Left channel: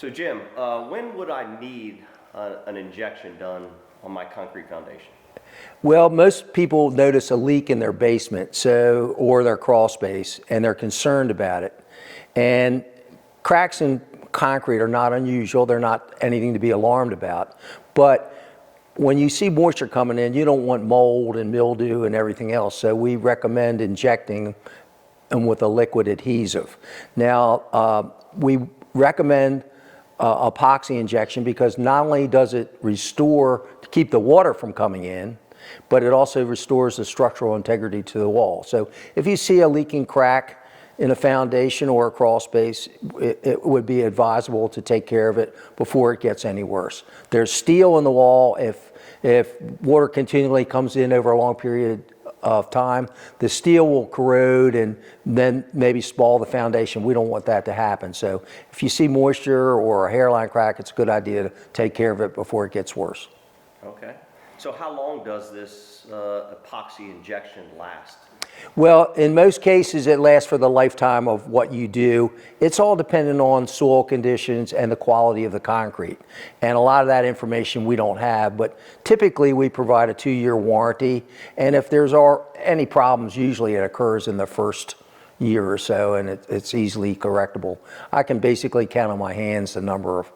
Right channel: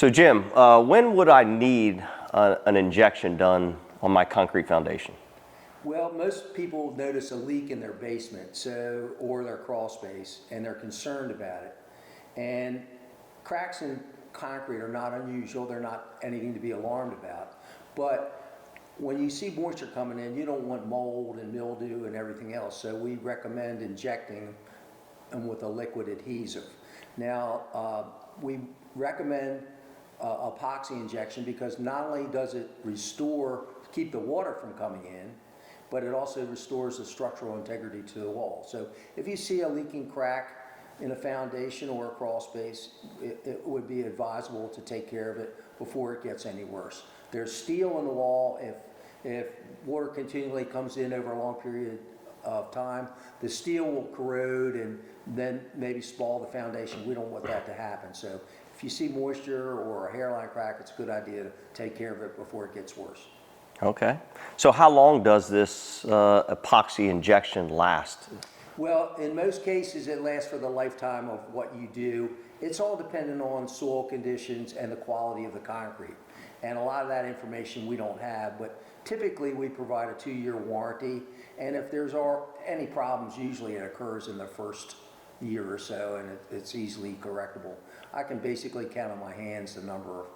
So Jim, when would I need an injection done on my concrete foundation? Well, most people notice a leak in their basement, or their crawl space, and they're concerned about it. And cracks in concrete are not unusual. They're not anything to be alarmed about. But when you see moisture coming in, you don't want mold and mildew and everything else. So we recommend injecting them with a liquid adhesive. Now, we recommend epoxy injection because not only does it restore to keep the water from coming in, but it also restores the structural integrity to the wall. So if you see a leaking crack in a foundation or a crawl space, it would be advisable to take care of it before it gets any worse. There's steel in the wall. If water continually comes in over a long period of time, the steel will corrode and then maybe spoil the foundation. We don't want that to happen. So if you see moisture or a hairline crack, it's a good idea to take care of it before it gets worse. Okay. So how long does this epoxy injection last? Well, in most cases, it lasts for the lifetime of what you do. It's all dependent on soil conditions and the quality of the concrete. And a lot of that information we don't have, but typically we provide a 2-year warranty. And if there's any problems, usually it occurs in the first year or so, and it's easily correctable. I can basically count on my hands the number of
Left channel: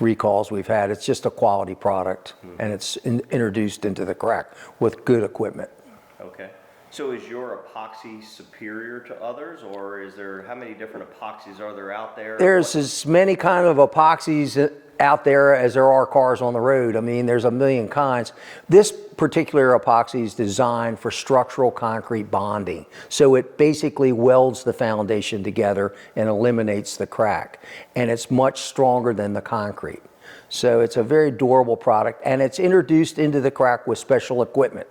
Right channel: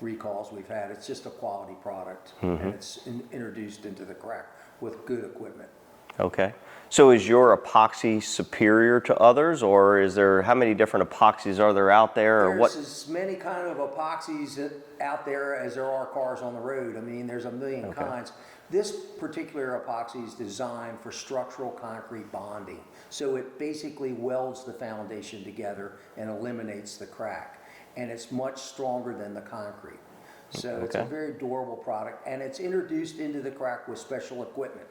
recalls we've had. It's just a quality product, and it's introduced into the crack with good equipment. Okay. So is your epoxy superior to others, or how many different epoxies are there out there? There's as many kind of epoxies out there as there are cars on the road. I mean, there's a million kinds. This particular epoxy is designed for structural concrete bonding. So it basically welds the foundation together and eliminates the crack. And it's much stronger than the concrete. So it's a very durable product, and it's introduced into the crack with special equipment.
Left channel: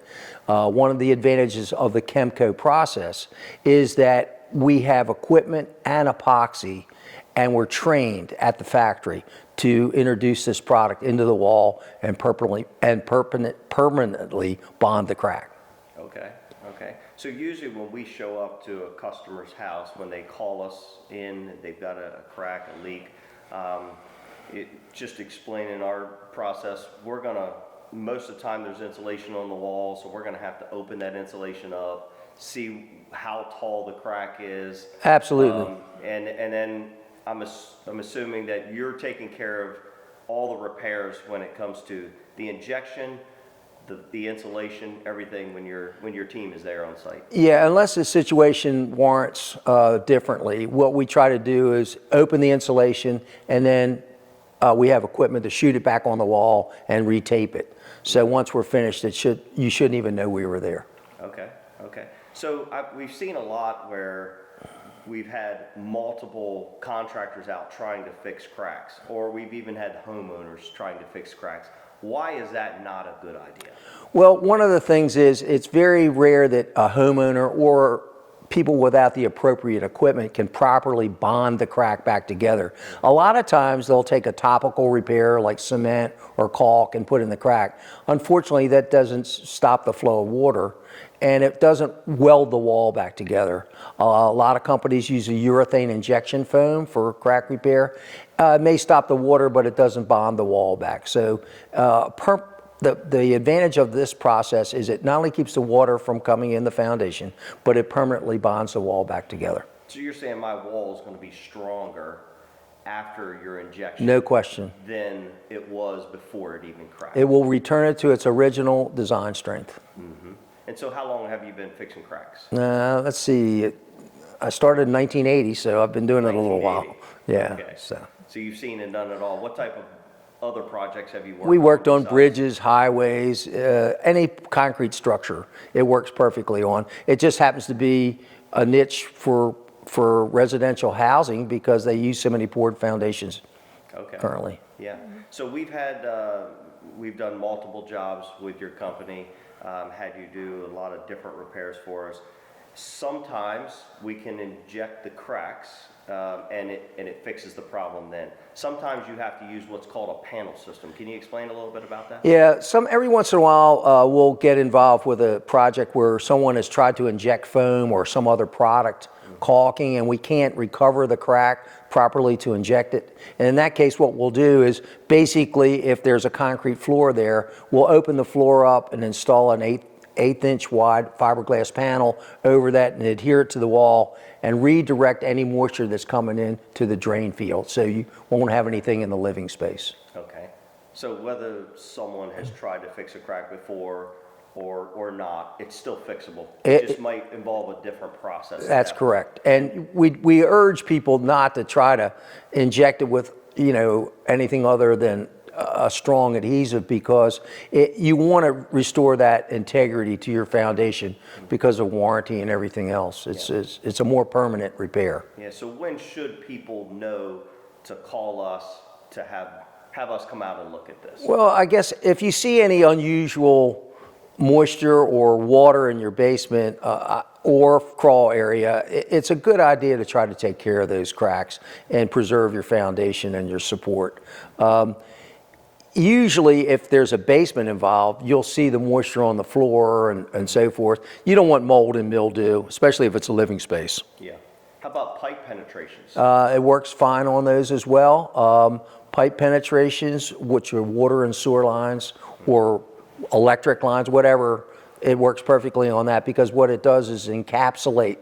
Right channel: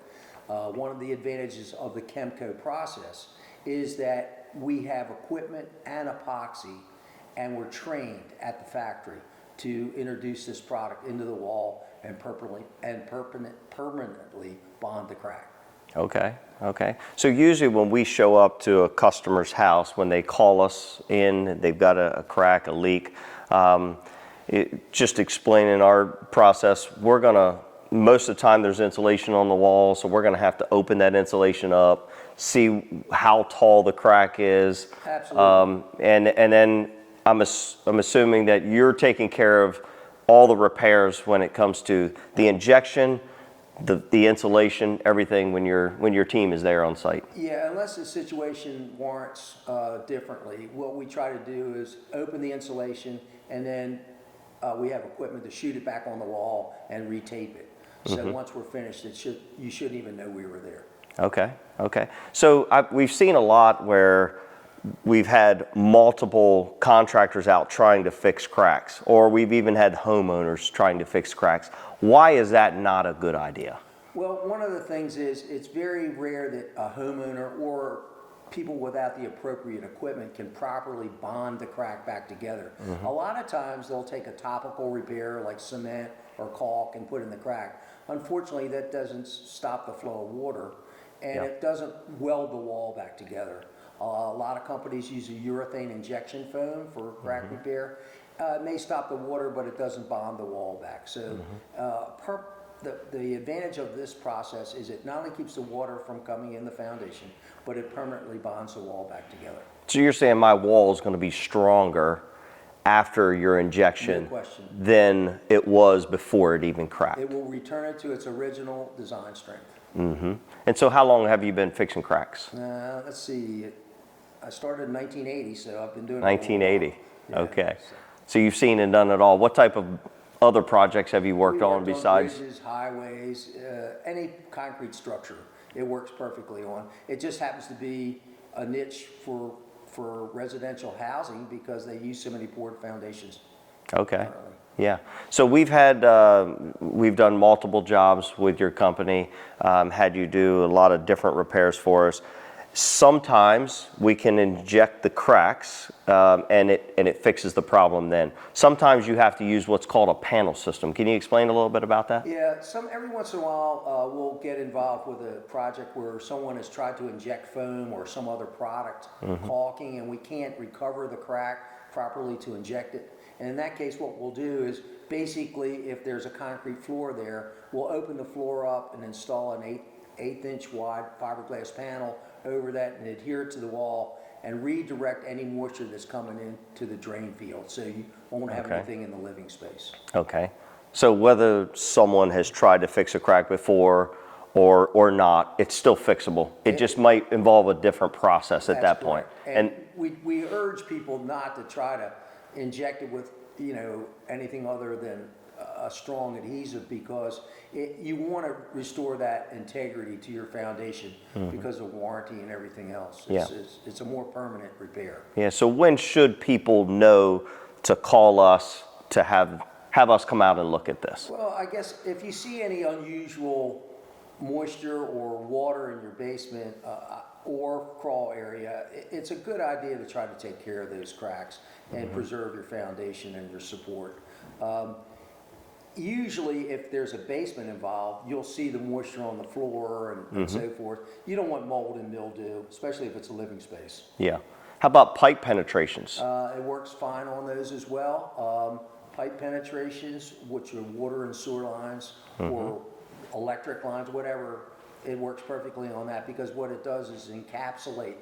One of the advantages of the Chemco process is that we have equipment and epoxy, and we're trained at the factory to introduce this product into the wall and permanently bond the crack. Okay, okay. So usually when we show up to a customer's house, when they call us in, they've got a crack, a leak, just explaining our process, most of the time there's insulation on the wall, so we're gonna have to open that insulation up, see how tall the crack is. Absolutely. And then I'm assuming that you're taking care of all the repairs when it comes to the injection, the insulation, everything when your team is there on site. Yeah, unless the situation warrants differently, what we try to do is open the insulation, and then we have equipment to shoot it back on the wall and retape it. So once we're finished, you shouldn't even know we were there. Okay, okay. So we've seen a lot where we've had multiple contractors out trying to fix cracks, or we've even had homeowners trying to fix cracks. Why is that not a good idea? Well, one of the things is it's very rare that a homeowner or people without the appropriate equipment can properly bond the crack back together. A lot of times they'll take a topical repair like cement or caulk and put in the crack. Unfortunately, that doesn't stop the flow of water, and it doesn't weld the wall back together. A lot of companies use a urethane injection foam for crack repair. It may stop the water, but it doesn't bond the wall back. So the advantage of this process is it not only keeps the water from coming in the foundation, but it permanently bonds the wall back together. So you're saying my wall is going to be stronger after your injection? No question. Than it was before it even cracked? It will return it to its original design strength. And so how long have you been fixing cracks? Let's see. I started in 1980, so I've been doing it a little while. 1980. Yeah. Okay. So you've seen and done it all. What type of other projects have you worked on? We worked on bridges, highways, any concrete structure. It works perfectly on. It just happens to be a niche for residential housing because they use so many poured foundations currently. Yeah. So we've done multiple jobs with your company, had you do a lot of different repairs for us. Sometimes we can inject the cracks and it fixes the problem then. Sometimes you have to use what's called a panel system. Can you explain a little bit about that? Yeah, every once in a while we'll get involved with a project where someone has tried to inject foam or some other product, caulking, and we can't recover the crack properly to inject it. And in that case, what we'll do is basically, if there's a concrete floor there, we'll open the floor up and install an eighth-inch wide fiberglass panel over that and adhere it to the wall and redirect any moisture that's coming in to the drain field, so you won't have anything in the living space. Okay. So whether someone has tried to fix a crack before or not, it's still fixable. It just might involve a different process at that point. That's correct. And we urge people not to try to inject it with, anything other than a strong adhesive, because you want to restore that integrity to your foundation because of warranty and everything else. It's a more permanent repair. Yeah, so when should people know to call us to have us come out and look at this? Well, I guess if you see any unusual moisture or water in your basement or crawl area, it's a good idea to try to take care of those cracks and preserve your foundation and your support. Usually, if there's a basement involved, you'll see the moisture on the floor and so forth. You don't want mold and mildew, especially if it's a living space. Yeah. How about pipe penetrations? It works fine on those as well. Pipe penetrations, which are water and sewer lines or electric lines, whatever, it works perfectly on that, because what it does is encapsulate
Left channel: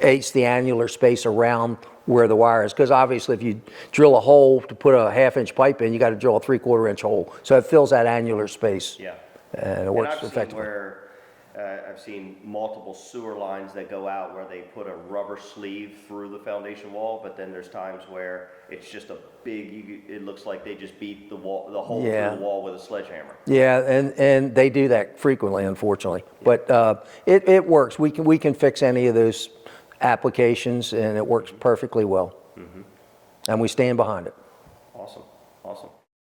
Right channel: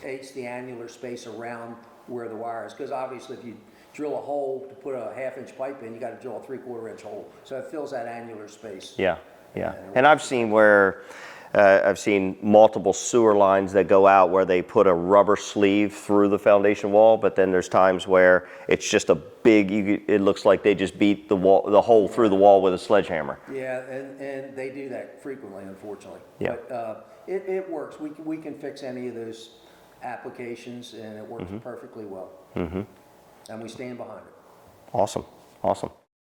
the annular space around where the wire is. Because obviously if you drill a hole to put a half-inch pipe in, you got to drill a 3/4-inch hole. So it fills that annular space. Yeah. And I've seen where I've seen multiple sewer lines that go out where they put a rubber sleeve through the foundation wall, but then there's times where it's just a big, it looks like they just beat the hole through the wall with a sledgehammer. Yeah, and they do that frequently, unfortunately. Yeah. But it works. We can fix any of those applications, and it works perfectly well. And we stand behind it. Awesome.